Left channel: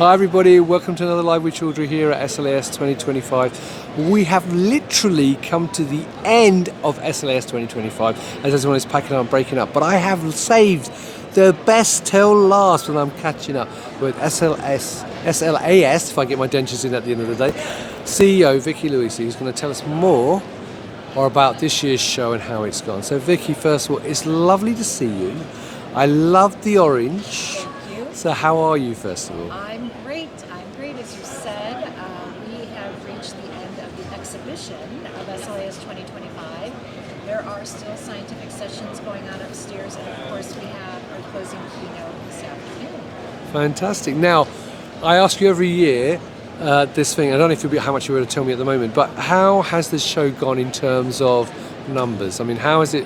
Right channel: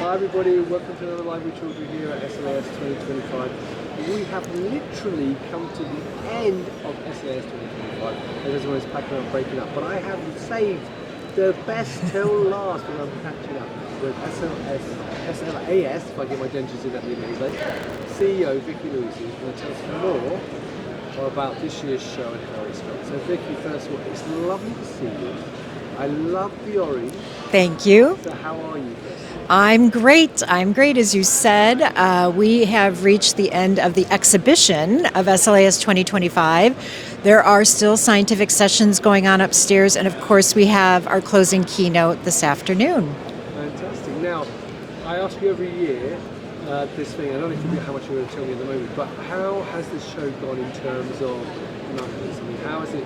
Hi everybody, welcome to another Live with Children here at SLAS 2025. We have literally come to the end of SLAS 2025 as everyone is packing up and breaking up. But I have saved the best till last when I'm catching up with SLAS, if I get my dentures in at the end of the day, CEO Vicki Loise, who's going to tell us more about this year's show and how it's gone. So Vicki, first of all, it's lovely to see you. I love the orange. Thank you. So how are you, first of all? I'm great. As you said. We have reached the end of the exhibition of SLAS 2025. There are still scientific sessions going on upstairs, and of course we have our closing keynote this afternoon. Fantastic. Now, I ask you every year this thing, I don't know if how much you're going to tell me at the moment, but how has this show gone in terms of numbers? I mean, has it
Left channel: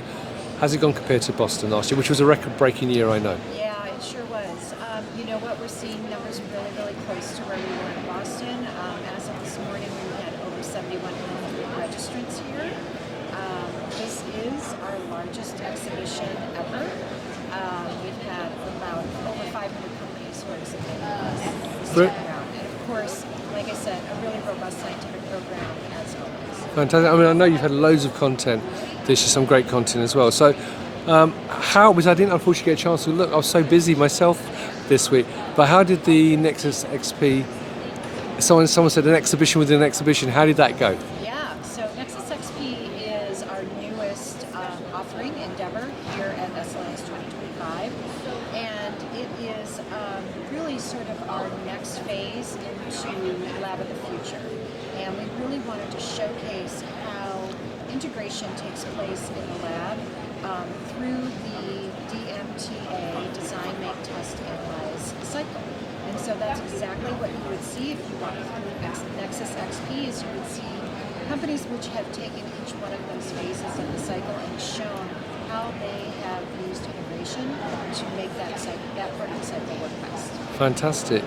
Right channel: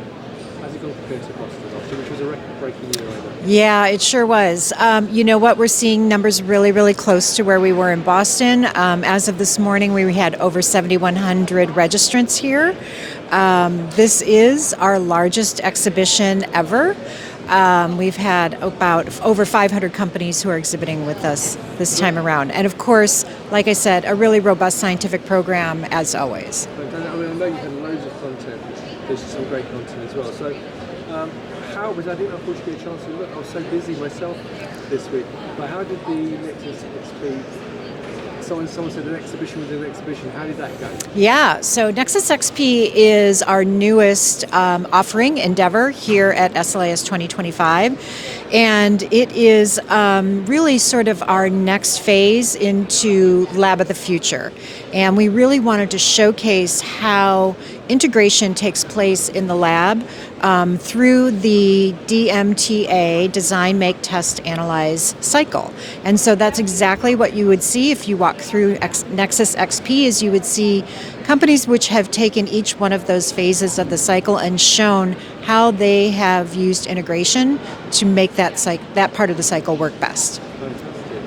gone compared to Boston last year, which was a record-breaking year, I know? Yeah, it sure was. You know what? We're seeing numbers really, really close to where we were in Boston. As of this morning, we had over 7,100 registrants here. This is our largest exhibition ever. We've had about over 500 companies who are exhibiting with us this time around. And of course, like I said, a really robust scientific program as always. Fantastic. I mean, I know you've had loads of content. This is some great content as well. So I didn't unfortunately get a chance to look. I was so busy myself this week. But how did the Nexus XP, someone said an exhibition within an exhibition, how did that go? Yeah, so Nexus XP is our newest offering endeavor here at SLAS 2025. And it is really sort of our next phase into Lab of the Future. And we really wanted to showcase how integration takes place in the lab through the DMTA, Design, Make, Test, Analyze cycle. And so that's exactly what you would see if you walk through Nexus XP, is you would see companies which have taken each one of those phases of the cycle and shown how they have used integration to make that part of the cycle work best. Fantastic.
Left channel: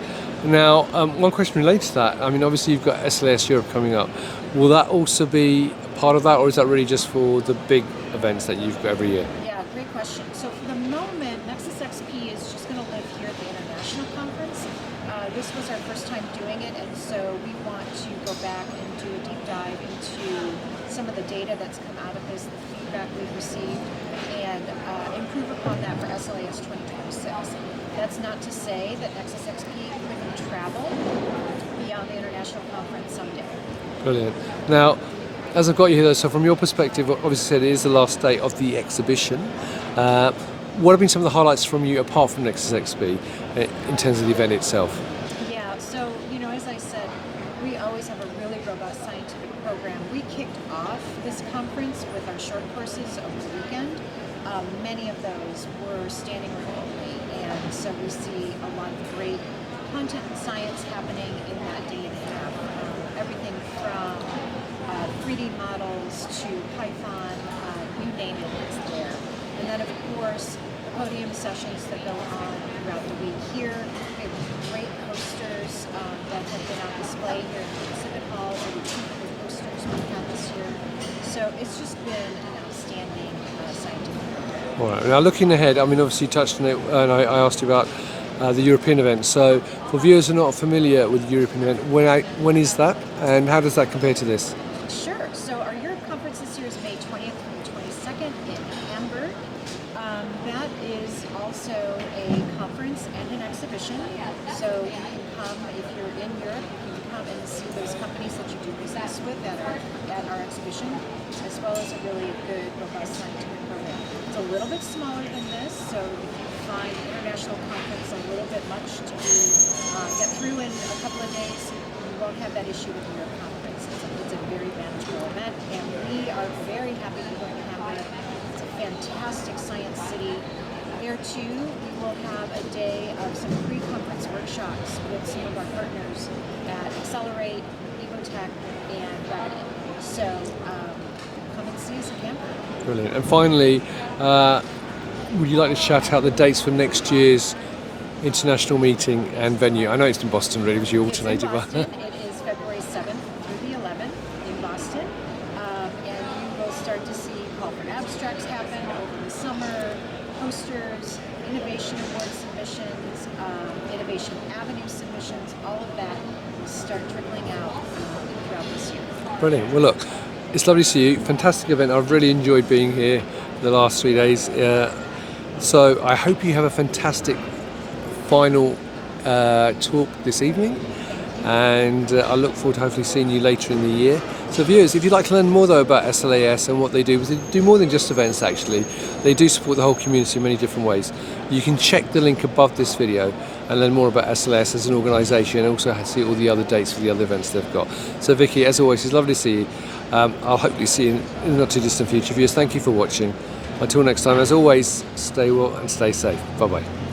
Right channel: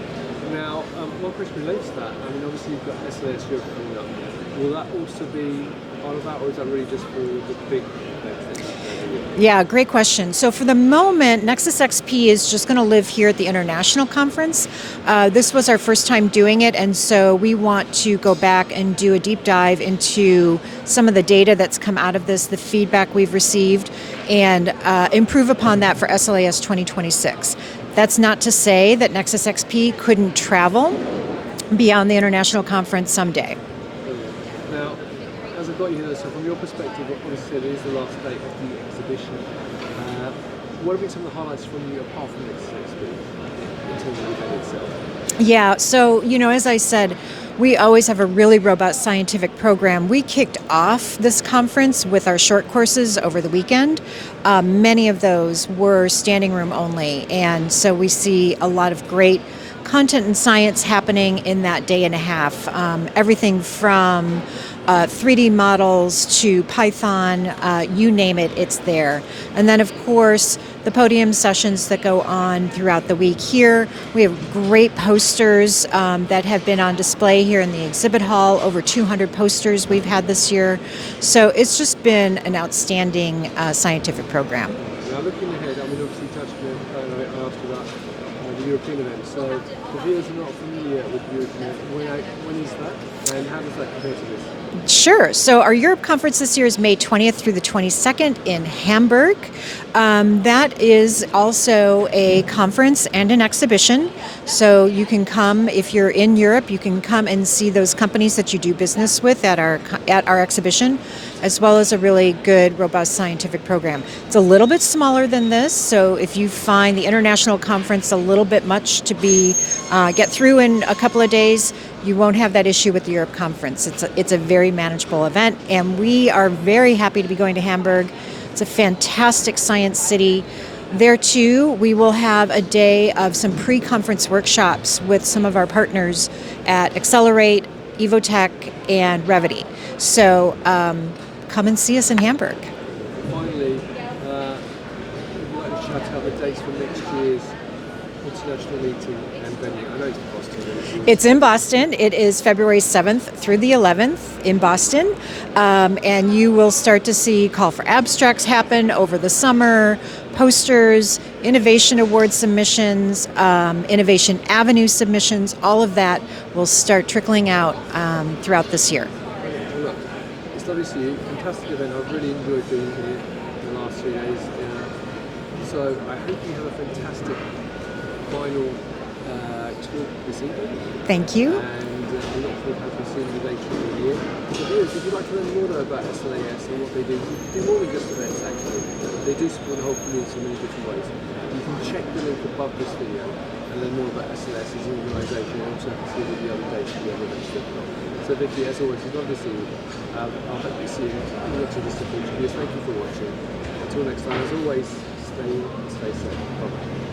Now, one question related to that. I mean, obviously you've got SLAS Europe coming up. Will that also be part of that, or is that really just for the big events that you've got every year? Yeah, great question. So for the moment, Nexus XP is just going to live here at the International Conference. This was our first time doing it, and so we want to go back and do a deep dive into some of the data that's come out of this, the feedback we've received, and improve upon that for SLAS 2026. That's not to say that Nexus XP couldn't travel beyond the International Conference someday. Brilliant. Now, as I've got you here, so from your perspective, obviously said it is the last day of the exhibition. What have been some of the highlights from you apart from Nexus XP in terms of the event itself? Yeah, so, as I said, we always have a really robust scientific program. We kicked off this conference with our short courses over the weekend. Many of those were standing room only, and so we see a lot of great content and science happening in that day and a half. Everything from 3D models to Python, you name it, it's there. And then, of course, the podium sessions that go on throughout the week here. We have great posters that have been on display here in the exhibit hall, over 200 posters we've had this year. So it's just been an outstanding scientific program. All right. Now, looking ahead, I mean, obviously you touched on it, and I asked you about the European event. So for viewers who are not familiar with the European event, when is that, and how does that compare to this? Sure. So our Europe conference this year is May 20th through the 22nd in Hamburg. That is also a conference and an exhibition. So you can come, if you're in Europe, you can come and see those companies that you do business with at our exhibition, as well as a really good, robust scientific program. It's a little bit smaller than this, so if you find the international conference a little bit much to get through in a couple of days, you won't have that issue with the Europe conference. It's a very manageable event, and we are very happy to be going to Hamburg. It's a fantastic science city. There too, we will have a day of some pre-conference workshops with some of our partners at Accelerate, Evotech, and Revity. So come and see us in Hamburg. Brilliant. And finally, would you like to shout out the dates for next year's international meeting and venue? I know it's in Boston, really. It's in Boston. It is February 7th through the 11th in Boston. And you will start to see call for abstracts happen over the summer, posters, Innovation Award submissions, Innovation Avenue submissions, all of that will start trickling out throughout this year. Brilliant. Well, look, it's lovely to see you. Fantastic event. I've really enjoyed being here the last 3 days. So I hope you have a fantastic final talk this evening. Thank you. And I look forward to hopefully seeing you later in the year. So viewers, if you'd like to learn more though about SLAS and what they do, because they do more than just events actually. They do support the whole community in many different ways. You can check the link above this video and learn more about SLAS as an organisation, and also see all the other dates for the other events they've got. So Vicki, as always, it's lovely to see you. I'll hopefully see you in the not too distant future. Viewers, thank you for watching. Until next time, as always, stay well and stay safe. Bye bye.